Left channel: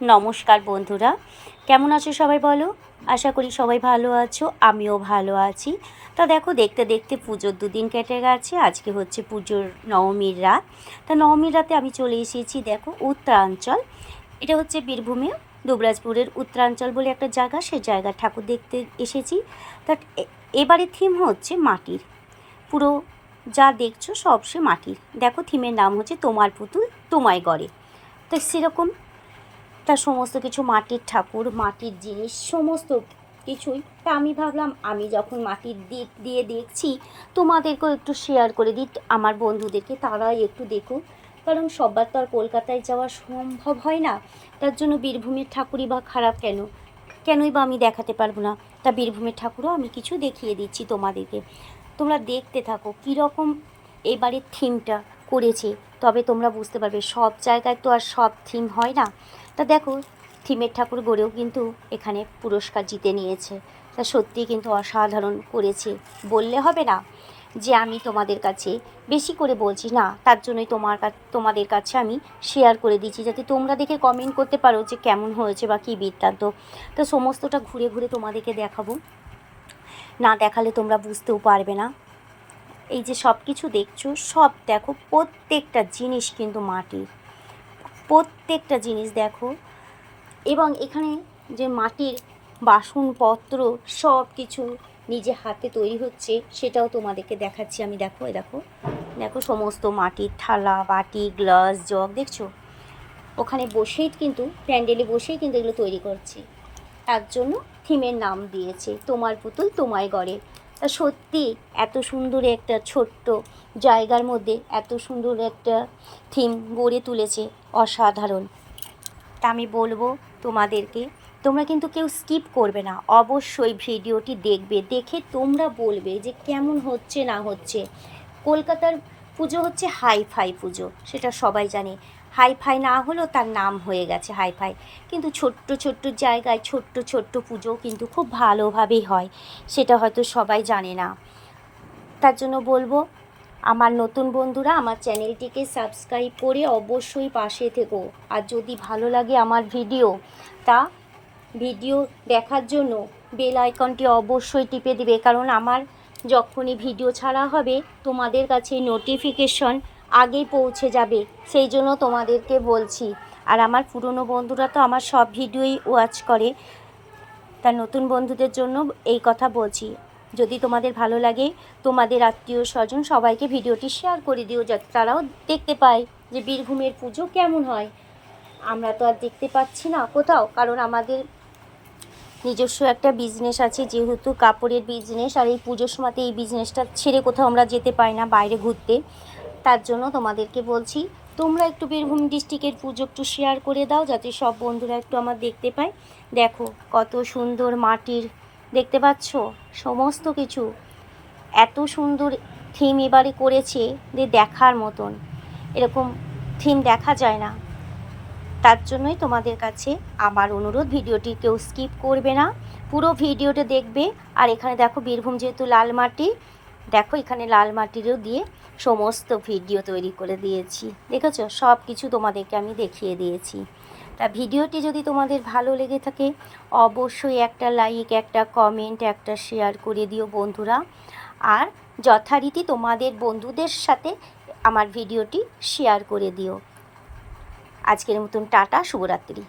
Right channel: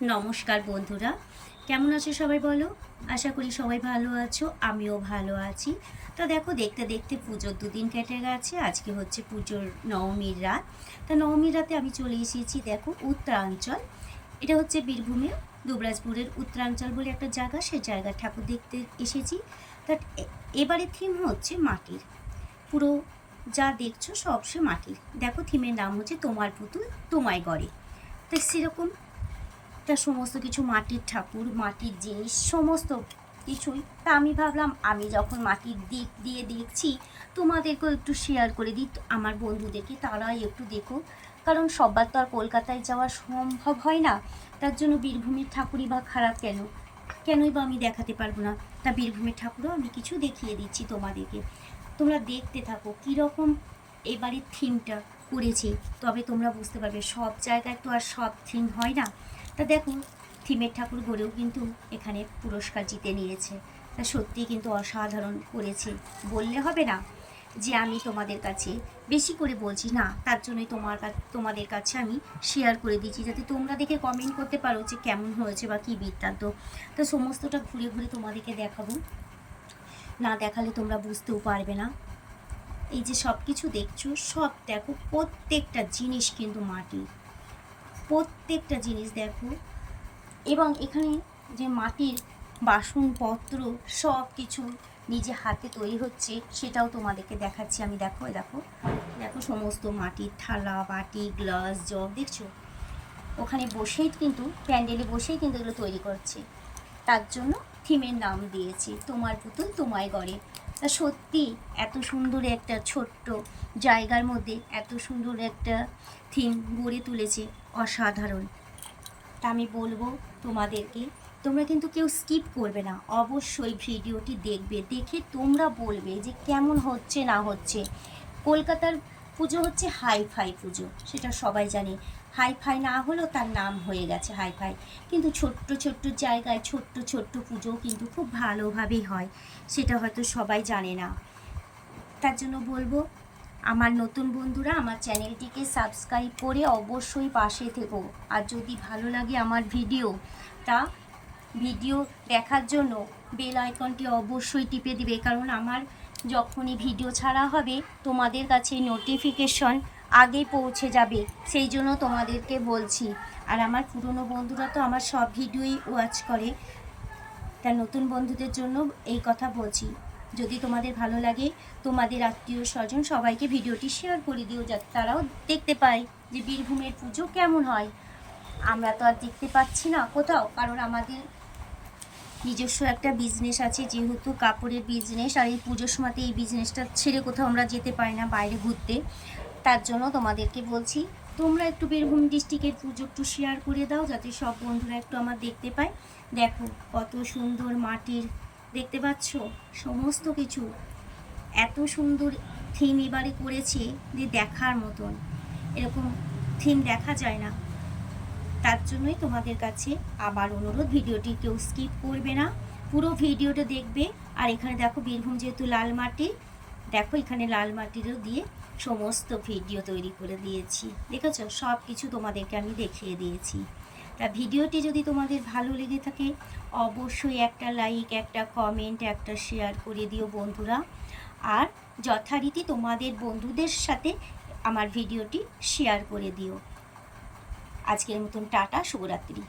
নমস্কার বন্ধুরা, কেমন আছো সবাই বলো? আশা করি সবাই ভালো আছো, আমিও ভালো আছি। তা দেখো, দেখতে দেখতে পুজোর দুদিন কেটে গেছে, আজকে হচ্ছে পুজোর নবমীর রাত। তা নবমীর রাতে আমি চলে এসেছি, দেখো, উত্তরাঞ্চল। এটা হচ্ছে বীরভূমে, দুবরাজপুরের উত্তরাঞ্চল বলে একটা জায়গা, সে জায়গার ঠাকুর দেখতে এসেছি। তা এবারে থিম হচ্ছে মাটির। পুরো যা দেখছ সব সে মাটির। দেখো থিমের নাম হচ্ছে তোমার পুতুল, তোমায় গড়ে। তো সেরকম তার সমস্ত কিছু মাটির ঠাকুর, মাটির জিনিস, সমস্ত কিছুই। তা আমি ভাবলাম, আমি যখন মাটির দিক দিয়ে দেখছি, তোমাদেরকেও একটু শেয়ার করে দিই, আমার বন্ধুদেরকে তারাই একটু দেখুক। কারণ সবার তো আর কলকাতায় যাওয়া সম্ভব হয় না। তার জন্য বীরভূমের ঠাকুরই বা খারাপ কেন? কেনই বা আমি দেখাতে পারব না। তা বীরভূমের ঠাকুরও আমি কিছু দেখিয়ে দিচ্ছি তোমাদেরকে। তোমরা দেখতে থাকো কীরকম এবারের থিমটা করেছে। তবে তোমরা বুঝতে পারবে, সব জায়গায় তো আর সব থিম হয় না। তা দেখো, থিমের ঠাকুর গড়েও কিন্তু এখানে পুরস্কার জিতে নিয়েছে। তা সত্যিই কিন্তু অসাধারণ করেছে। বললে হবে না যে আমি তোমাদের কাছে বেশি করে বলছি। না, তার জন্যই তোমার তোমাদের কাছে আমি শেয়ার করে দিচ্ছি। যাতে তোমরা দেখে কমেন্ট করতে পারো যে কেমন হয়েছে বা কী বৃত্তান্ত। তো সমস্তটা ঘুরে ঘুরে তোমাদেরকে দেখাবো। না দেখালে তোমরা বুঝতেও পারবে না। এই যে সব কিছু দেখছ, সব দেখো, প্রত্যেকটা জিনিস কিন্তু মাটির। প্রত্যেকটা জিনিস দেখো। এবং এখানে যে মাটির বাসনপত্র সব কিছু নিজে হাতে তৈরি হচ্ছে, সেটাও তোমাদেরকে দেখাচ্ছি আমি। দেখো দেখো। দেখো সমস্ত মাটির থালা, বাটি, গ্লাস, জগ, দেখছ? ওখানে বসেই কিন্তু, প্যান্ডেলে বসেই কিন্তু এগুলো তৈরি করছে। তার জন্য থিমের নাম দিয়েছে, তোমার পুতুল তোমায় গড়ে। তা সত্যি এত সুন্দর একটা ছোট্ট জায়গার মধ্যে এত সুন্দর একটা থিম গড়ে তুলেছে। অসাধারণ। তা আমি বলব তোমাদেরকে, তোমরা কিন্তু কেউ স্কিপ করবে না। অবশ্যই ভিডিওটি দেখবে, দেখে তোমরা বলবে যে কেমন হচ্ছে, না হচ্ছে। কলকাতার পুজো হচ্ছে হাই ফাই পুজো, সেটা সবাই জানে। হাই ফাই না হলেও তার নাম হয়ে গেছে হাই ফাই কিন্তু ছোট্ট ছোট্ট জায়গায় ছোট্ট ছোট্ট পুজো কিন্তু খুব ভালোভাবেই হয়, সেটা হয়তো সবাই জানে না। তার জন্য বলব আমার নতুন বন্ধুরা, আমার চ্যানেলটিকে সাবস্ক্রাইব করে অবশ্যই পাশে থেকো। আর যদি ভালো লাগে আমার ভিডিও, তা ভিডিও দেখার জন্য বেল আইকনটি অবশ্যই টিপে দিবে। কারণ আমার যখনই ভিডিও ছাড়া হবে, তোমাদের কাছে নোটিফিকেশন আগেই পৌঁছে যাবে। সেই জন্য তোমাদেরকে বলছি। আর আমার পুরনো বন্ধুরা তো আমার সব ভিডিওই ওয়াচ করে। তা নতুন বন্ধুদের জন্য এই কথা বলছি। যদি তোমাদের ভালো লাগে, তোমাদের আত্মীয় স্বজন সবাইকে ভিডিওটি শেয়ার করে দিও যাতে তারাও দেখতে পায় যে বীরভূমের পুজো কেমন হয়। আমরা তো আর দেখতে পাচ্ছি না কোথাও, কারণ আমাদের নিজস্ব একটা বিজনেস আছে, যেহেতু কাপড়ের বিজনেস আর এই পুজোর সময়তে এই বিজনেসটা ছেড়ে কোথাও আমরা যেতে পারি না, বাইরে ঘুরতে। তার জন্য তোমাদেরকে বলছি, তোমরা একটু বীরভূম ডিস্ট্রিক্টের পুজো একটু শেয়ার করে দাও, যাতে সব বন্ধুরা একটু আমার দেখতে পায়। দেখো কত সুন্দর মাটির দেখতে পাচ্ছ? সমস্ত কিছু। এত সুন্দর থিম এবারে করেছে যে দেখার মতন। এরকম থিম দেখা যায় না। তার জন্যই তোমাদের কাছে আমার অনুরোধ, ভিডিওটি কেউ স্কিপ করবে না। পুরো ভিডিওটা দেখবে। আর এখানে দেখো, বীরভূম যেহেতু লাল মাটি, দেখো এখানে লাল মাটিরও দিয়ে সমস্ত ভিডিও তৈরি করে দিয়েছি। দেখেছ? সব কিছু তোমাদেরকে আমি দেখিয়ে দিয়েছি। তা ভিডিওটি যদি তোমাদের ভালো লেগে থাকে, অবশ্যই একটা লাইক একটা কমেন্ট একটা শেয়ার করে দিও বন্ধুরা। আর যথারীতি তোমাদের বন্ধুদের সাথে আমার ভিডিওটি শেয়ার করে দিও। আজকের মতন টাটা, শুভরাত্রি।